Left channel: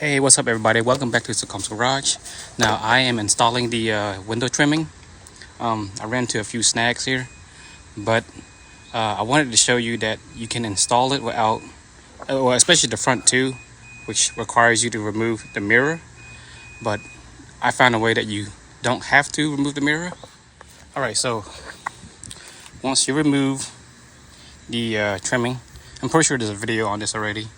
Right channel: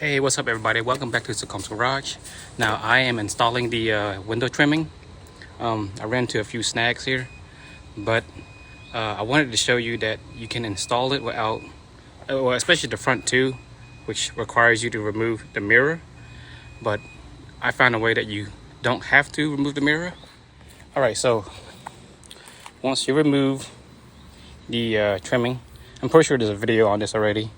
Hey, what's up everybody? Welcome back to Succum's Garage. Now I am installing the window trimming. I ran into a few snags here, but I wanted to show you that you can install it without, well, especially the front too, which requires you to remove the mirror. But I found a way that you don't have to remove the mirror. All right, so once you remove the trimming, I'm pretty sure there's a video on this already.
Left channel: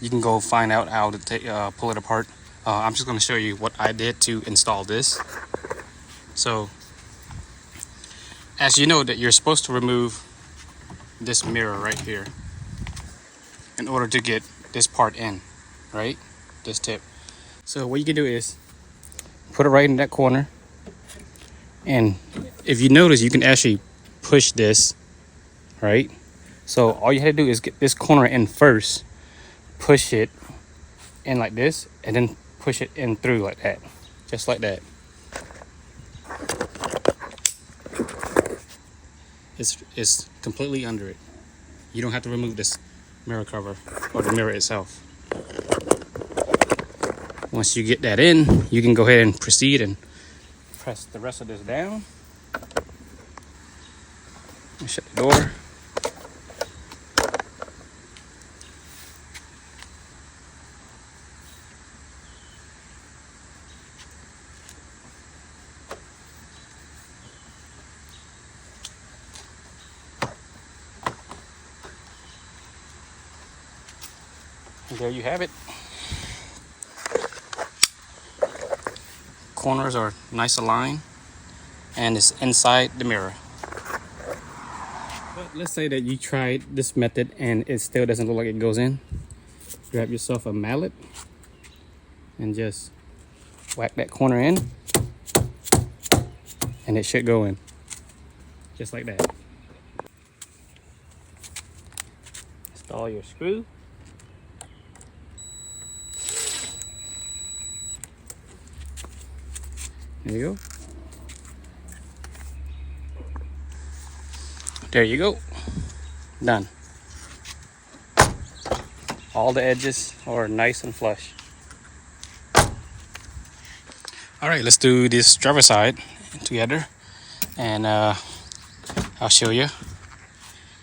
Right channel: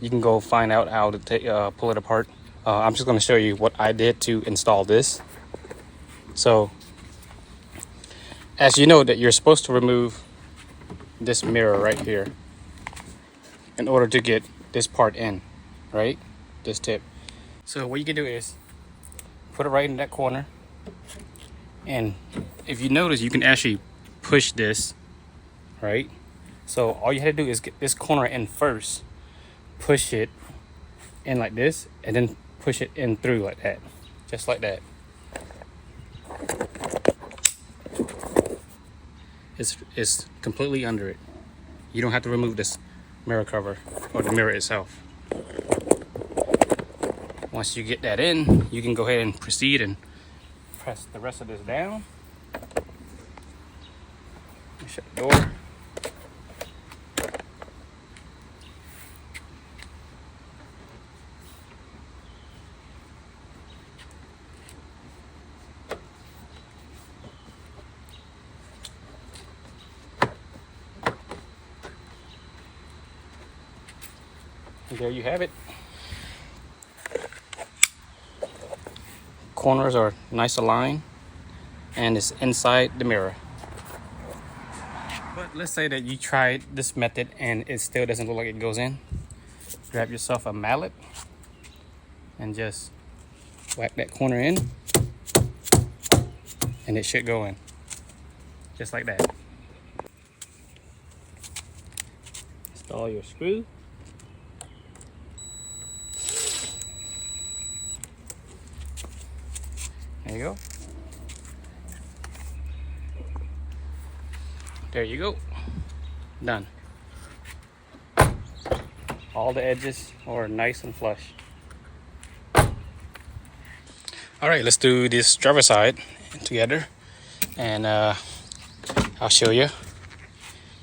You can go find out how to pull it apart. I'm just going to show you what I did to install this. So, as you know that you're supposed to remove this mirror right here in order to get this part in, right? This tip. So what you can do is put it right in that corner. And if you notice, you can actually push this, right? So all you had to do is get this corner in first, push it in like this, and then push it in through like that, just like that. It's completely under it. You don't have to remove this mirror cover or the mirror itself. Once you get that in, you can go ahead and proceed and press the rest of this down. Shut the door. And there you have it. Corners are nice aligned and it's inside the mirror. But let's say that you tried this method and it still doesn't look like it goes in. Grab yourself a mallet and just whack that corner in and it should go in, just like that. Install your screw. There you go. There you go. Done. All the edges are nice and flush. All right, let's do this driver's side together, and I'll show you.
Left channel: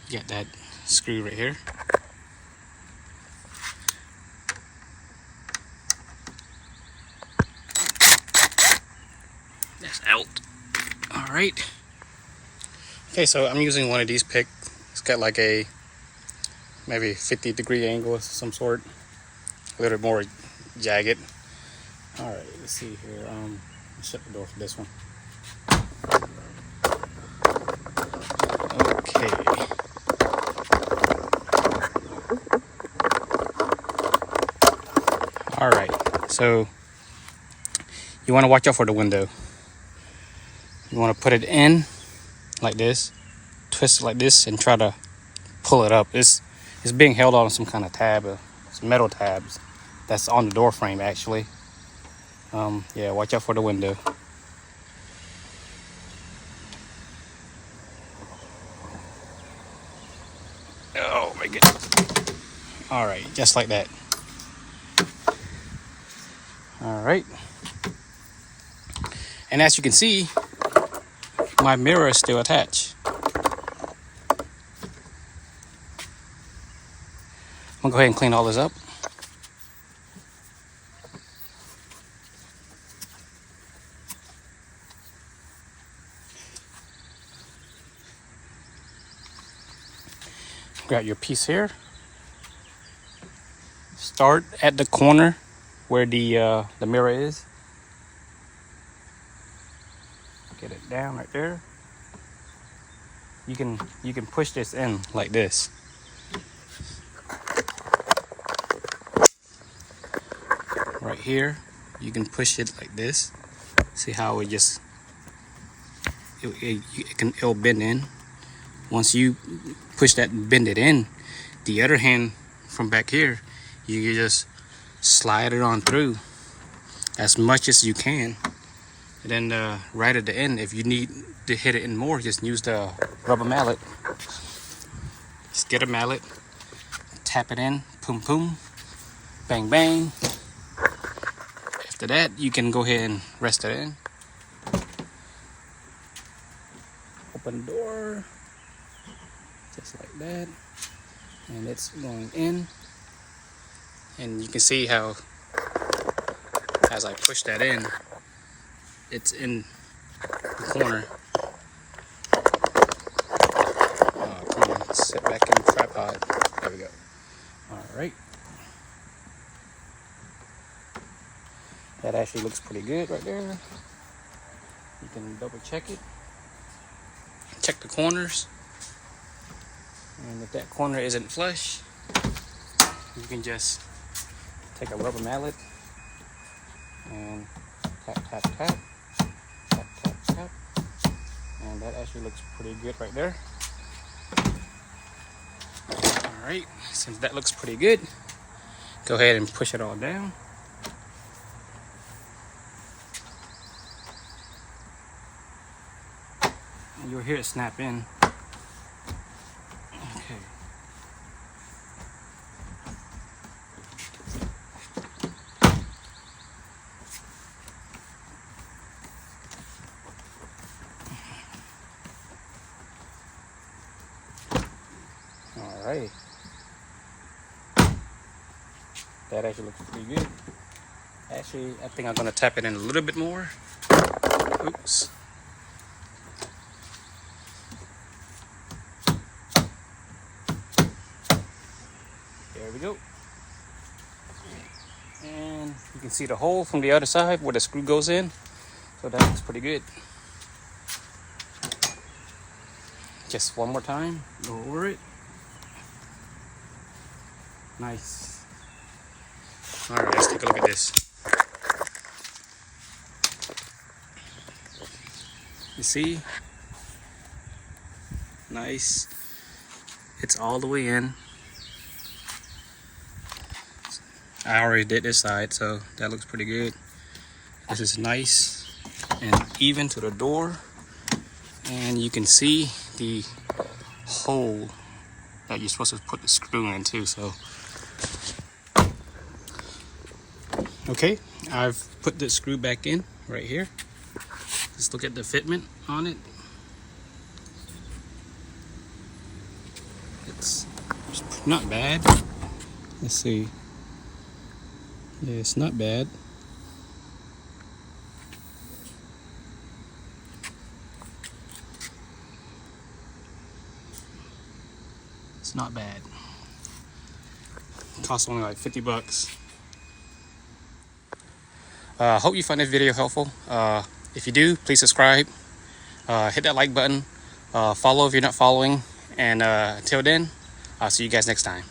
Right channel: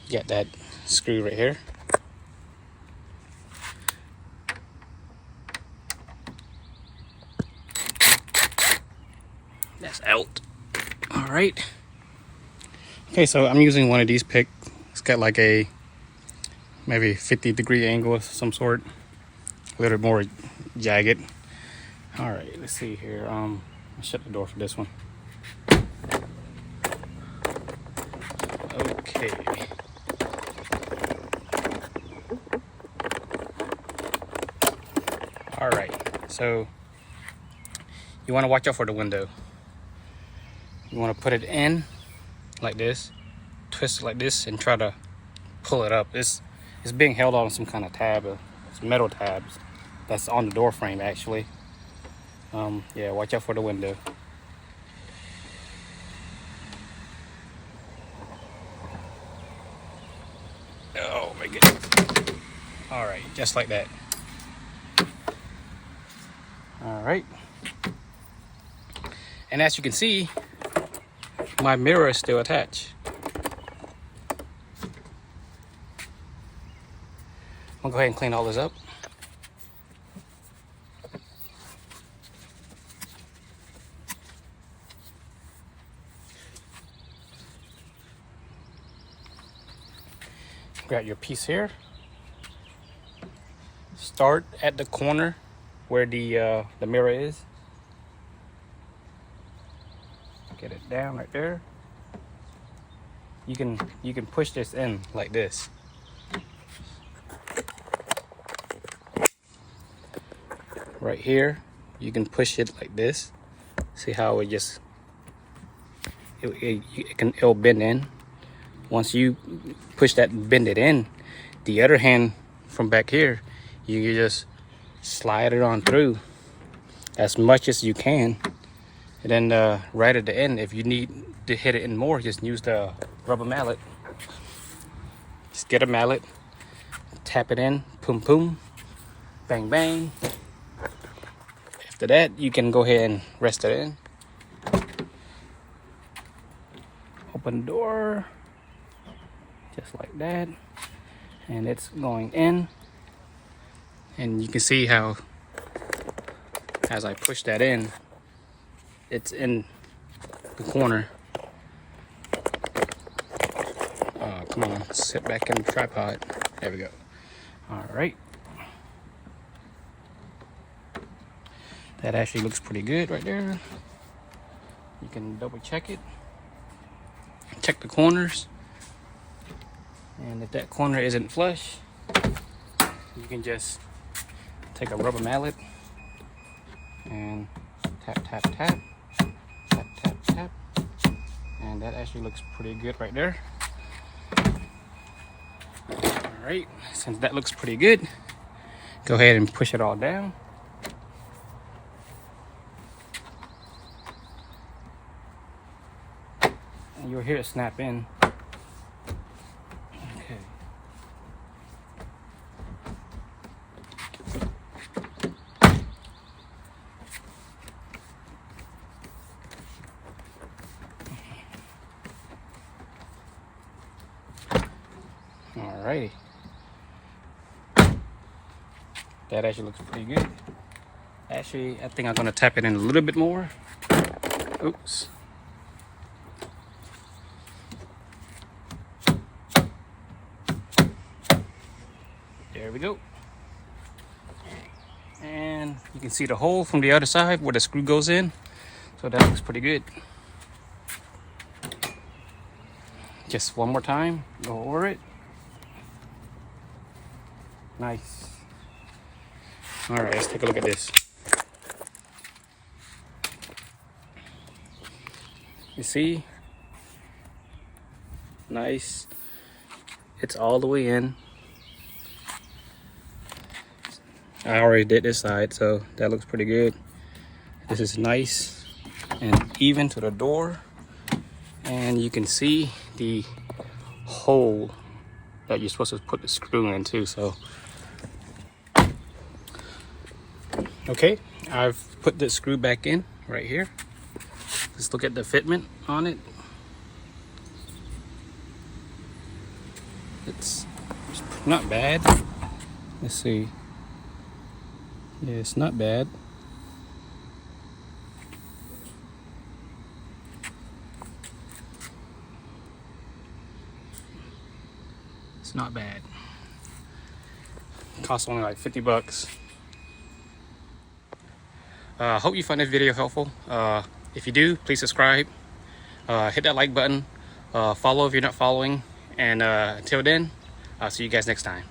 Get that screw right here. That's out. All right. Okay, so I'm using one of these picks. It's got like a maybe 50-degree angle of some sort, a little more jagged. All right, let's see here. I'll shut the door for this one. Okay. All right, so you want to watch out for the window. You want to put it in like this, twist it like this, and try to pull it up. It's being held on some kind of tab, some metal tabs that's on the door frame actually. Yeah, watch out for the window. Oh my goodness. All right, just like that. All right. And as you can see, my mirror is still attached. I'm gonna go ahead and clean all this up. Grab your piece here. Start at the corner where the mirror is. Get it down right there. You can push this in like this. Right here, you can push it like this. See how it'll bend in. Once you push that, bend it in, the other hand from back here, you can just slide it on through as much as you can. And then right at the end, if you need to hit it in more, just use the rubber mallet. Just get a mallet, tap it in, boom, boom, Bang, bang. After that, you can go ahead and rest it in. Open the door, just like that. And it's going in. And you can see how, as I push that in, it's in the corner. Come on, sit back in the tripod. There we go. All right. That actually looks pretty good right there. You can double check it. Check the corners. And if that corner isn't flush, you can just take a rubber mallet and tap, tap, tap. Tap, tap, tap. And that actually looks pretty good right there. Alright, since that looks pretty good, go ahead and push it all down. And you'll hear it snap in. Okay. Alrighty. That actually looks pretty good. Actually, I think I'm going to tap it in a little bit more. Oops. There we go. And you can see the hole from the other side where the screw goes in. So that looks pretty good. Just one more time, go over it. Nice. All right, let's take a look at this. You see? Nice. It's all the way in. I already did this side, so that looks pretty good. This is nice and even to the door. And you can see the hole that you're supposed to put the screw in too, so. Okay, I've put the screw back in right here. Let's look at the fitment on it. It's not bad. Let's see. Yeah, it's not bad. It's not bad. It costs only like 50 bucks. Hope you find this video helpful. If you do, please subscribe. Hit that like button. Follow if you're not following. And until then, I'll see you guys next time.